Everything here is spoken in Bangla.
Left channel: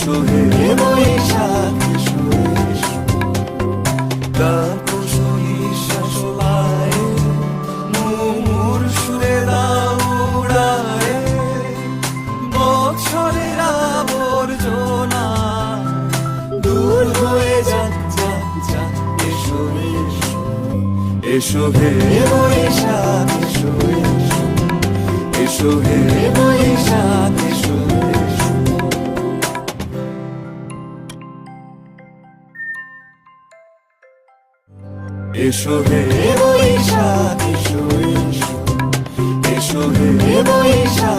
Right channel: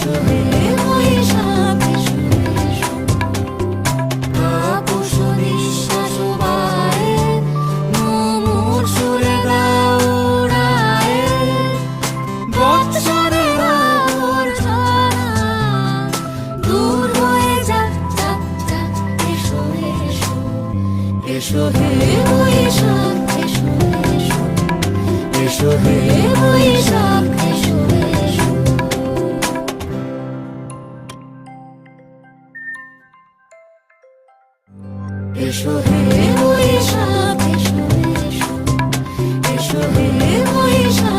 এসো হে বৈশাখ এসো এসো, তাপস নিঃশ্বাস বায়ে মুমুর সুরে দাও উড়ায়ে, বৎসরের আবর্জনা দূর হয়ে যাক যাক যাক, এসো এসো, এসো হে বৈশাখ এসো এসো, এসো হে বৈশাখ এসো এসো। এসো হে বৈশাখ এসো এসো, এসো হে বৈশাখ।